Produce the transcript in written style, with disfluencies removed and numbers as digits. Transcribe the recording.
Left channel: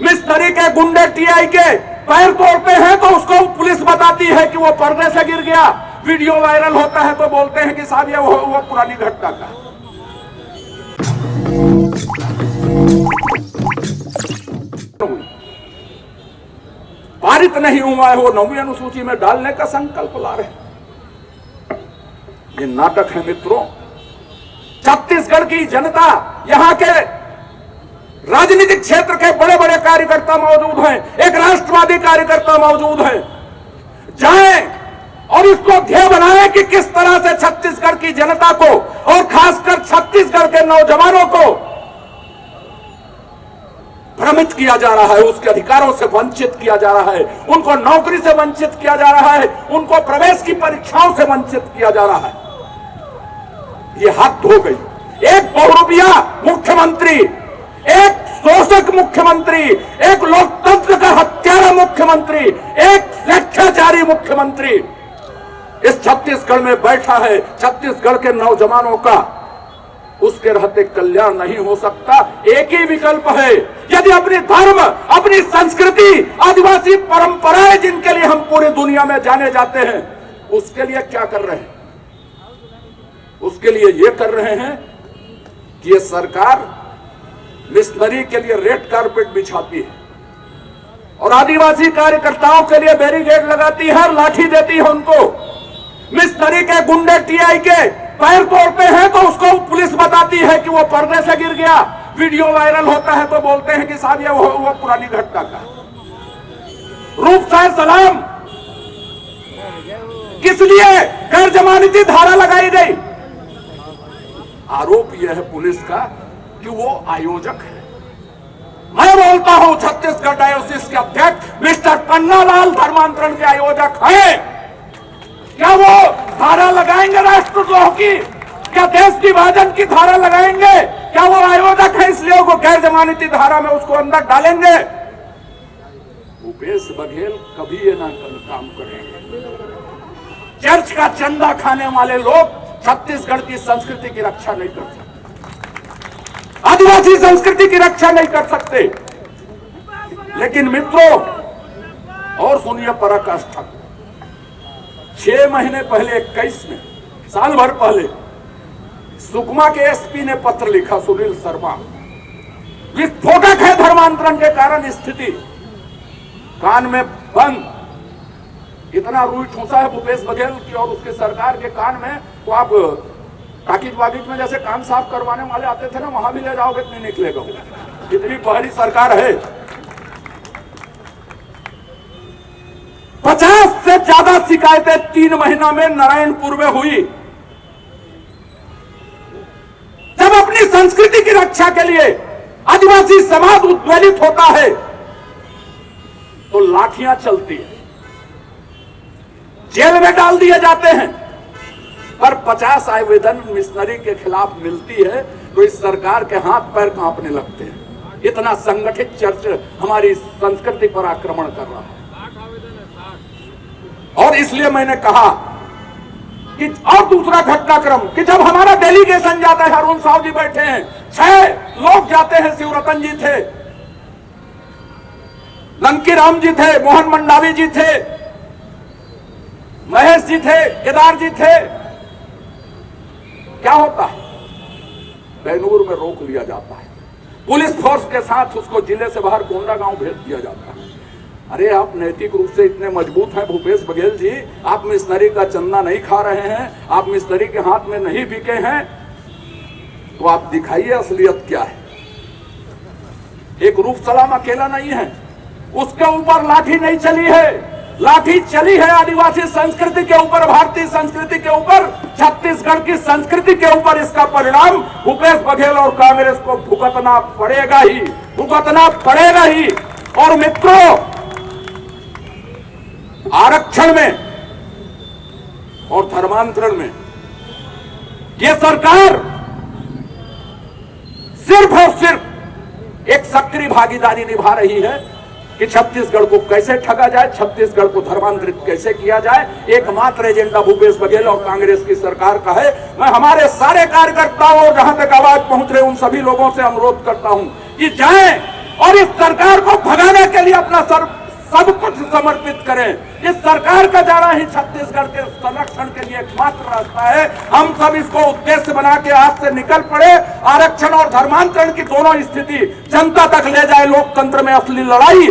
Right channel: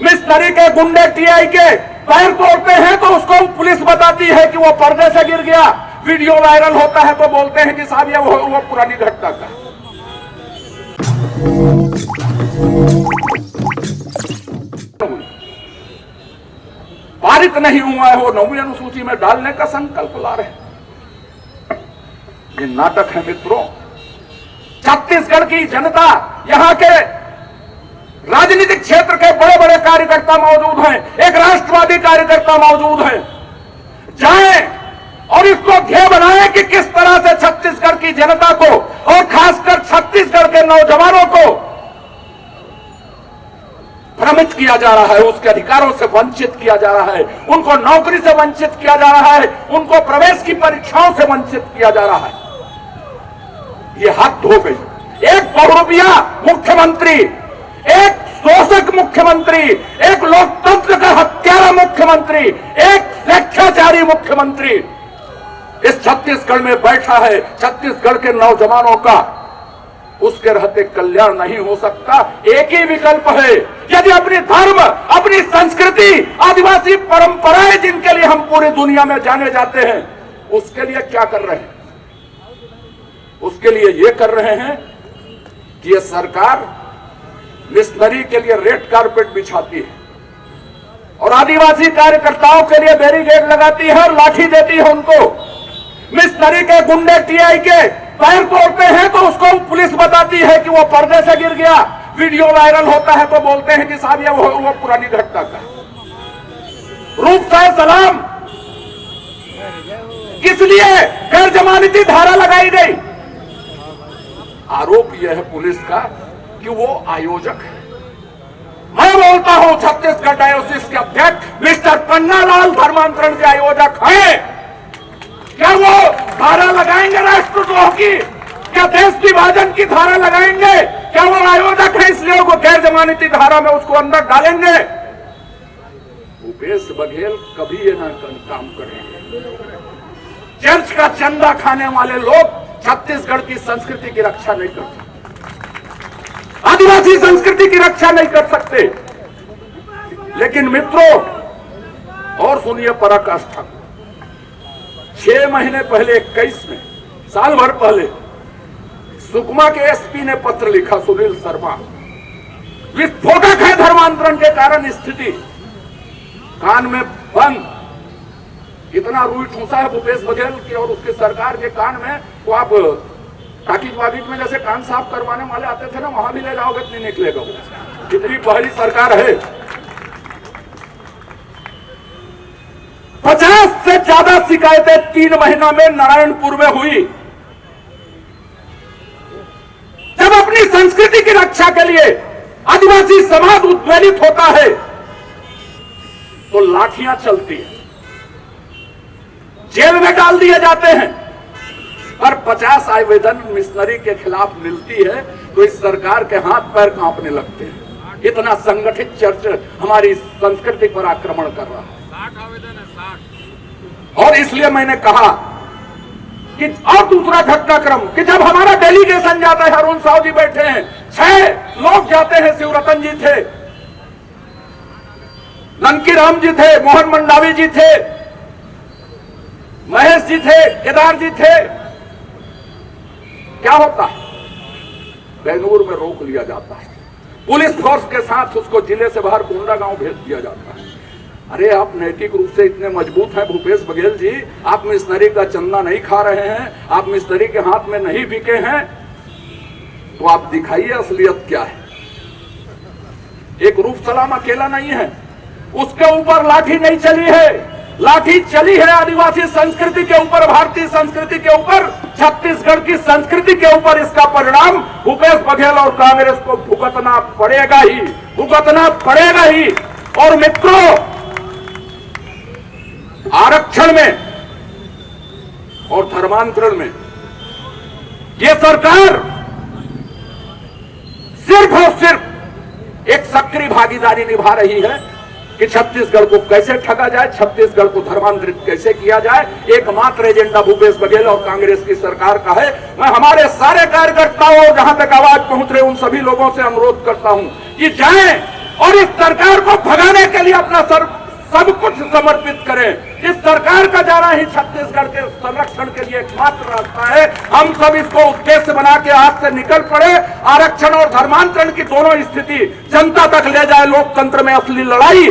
मिस्त्री के गुंडे टीआई के पैर तोड़ते हैं तो उसको पुलिस बताती है कि वो पर्दे से गिर गया। वीडियो वायरल होता है तो बोलते हैं कि साहब ये वो पुरानी घटना का। पारित नहीं हुआ है वो 9वीं अनुसूची में डालने का संकल्प ला रहे हैं। ये नाटक है मित्रों। छत्तीसगढ़ की जनता, यहां के राजनीतिक क्षेत्र के बड़े बड़े कार्यकर्ता मौजूद हैं, एक राष्ट्रवादी कार्यकर्ता मौजूद है। जाएं और इसको ध्येय बनाएं कि किस तरह से छत्तीसगढ़ की जनता को और खासकर छत्तीसगढ़ के नौजवानों को भ्रमित किया जा रहा है, उसके अधिकारों से वंचित किया जा रहा है, उनको नौकरी से वंचित किया जा रहा है, उनको प्रवेश की परीक्षाओं से वंचित किया जा रहा है। ये हद हो गई। एक बहुरूपिया मुख्यमंत्री, एक शोषक मुख्यमंत्री, एक लोकतंत्र का हत्यारा मुख्यमंत्री, एक स्वेच्छाचारी मुख्यमंत्री इस छत्तीसगढ़ में बैठा है। छत्तीसगढ़ के नौजवानों का उसके रहते कल्याण नहीं हो सकता। एक ही विकल्प है, यदि अपनी धर्म, अपनी संस्कृति, आदिवासी परंपराएं जिनके लिए हम पूरी दुनिया में जाने जाते हैं, उसके लिए क्या कर रहे हैं? उसके लिए ये कर रहे हैं कि ये सरकार मिस्त्री के लिए रेड कारपेट बिछाती है और आदिवासी कार्यकर्ताओं के लिए बैरिकेड लगाती है और लाठी देती है उनको। मिस्त्री के गुंडे टीआई के पैर तोड़ते हैं तो उसको पुलिस बताती है कि वो पर्दे से गिर गया। वीडियो वायरल होता है तो बोलते हैं कि साहब ये वो पुरानी घटना का। रूप साय सलाम किस लिए गैर जमानती धारा लगाई गई? आरोप यह है पुलिस का कि वो आयोजक है। मैं बोलता हूं छत्तीसगढ़ डायोसिस के अध्यक्ष मिस्टर पन्नालाल धर्मांतरण के आयोजक हैं। क्या वो धारा लगाएंगे राष्ट्रद्रोह की? क्या देश विभाजन की धारा लगाएंगे? क्या वो आयोजक है इसलिए वो गैर जमानती धारा में उसको अंदर डालेंगे? भूपेश बघेल कभी ये ना काम करेंगे। चर्च का चंदा खाने वाले लोग छत्तीसगढ़ की संस्कृति की रक्षा नहीं कर सकते, आदिवासी संस्कृति की रक्षा नहीं कर सकते। लेकिन मित्रों, और सुनिए पराकाष्ठा, 6 महीने पहले 21 में, साल भर पहले सुकमा के एसपी ने पत्र लिखा, सुनील शर्मा, विस्फोटक है धर्मांतरण के कारण स्थिति, कान में बंद। इतना रूई ठूसा है भूपेश बघेल की और उसकी सरकार के कान में, तो आप टाकिट वाकिट में जैसे कान साफ करवाने वाले आते थे ना, वहां भी ले जाओगे तो नहीं निकलेगा। कितनी पहली सरकार है। 50 से ज्यादा शिकायतें 3 महीनों में नारायणपुर में हुई। जब अपनी संस्कृति की रक्षा के लिए आदिवासी समाज उद्वेलित होता है तो लाठियां चलती है, जेल में डाल दिए जाते हैं। पर 50 आवेदन मिशनरी के खिलाफ मिलती है तो इस सरकार के हाथ पैर कांपने लगते हैं। इतना संगठित चर्च हमारी संस्कृति पर आक्रमण कर रहा है। और इसलिए मैंने कहा कि और दूसरा घटनाक्रम कि जब हमारा डेलीगेशन जाता है, अरुण साहु जी बैठे हैं, 6 लोग जाते हैं। शिवरतन जी थे, ननकी राम जी थे, मोहन मंडावी जी थे, महेश जी थे, केदार जी थे। क्या होता है? बेनूर में रोक लिया जाता है, पुलिस फोर्स के साथ उसको जिले से बाहर कोंडा गांव भेज दिया जाता है। अरे आप नैतिक रूप से इतने मजबूत हैं भूपेश बघेल जी, आप मिशनरी का चंदा नहीं खा रहे हैं, आप मिशनरी के हाथ में नहीं बिके हैं, तो आप दिखाइए असलियत क्या है। एक रूप सलाम अकेला नहीं है, उसके ऊपर लाठी नहीं चली है, लाठी चली है आदिवासी संस्कृति के ऊपर, भारतीय संस्कृति के ऊपर, छत्तीसगढ़ की संस्कृति के ऊपर। इसका परिणाम भूपेश बघेल और कांग्रेस को भुगतना पड़ेगा ही, भुगतना पड़ेगा ही। और मित्रों, आरक्षण में और धर्मांतरण में ये सरकार सिर्फ और सिर्फ एक सक्रिय भागीदारी निभा रही है कि छत्तीसगढ़ को कैसे ठगा जाए, छत्तीसगढ़ को धर्मांतरित कैसे किया जाए। एकमात्र एजेंडा भूपेश बघेल और कांग्रेस की सरकार का है। मैं हमारे सारे कार्यकर्ताओं, जहां तक आवाज पहुंच रहे उन सभी लोगों से अनुरोध करता हूं कि जाएं और इस सरकार को अपना सब कुछ समर्पित करें। इस सरकार का जाना ही छत्तीसगढ़ के संरक्षण के लिए एकमात्र रास्ता है। हम सब इसको उद्देश्य बना के आज से निकल पड़े। आरक्षण और धर्मांतरण की दोनों स्थिति जनता तक ले जाए लोकतंत्र में असली लड़ाई।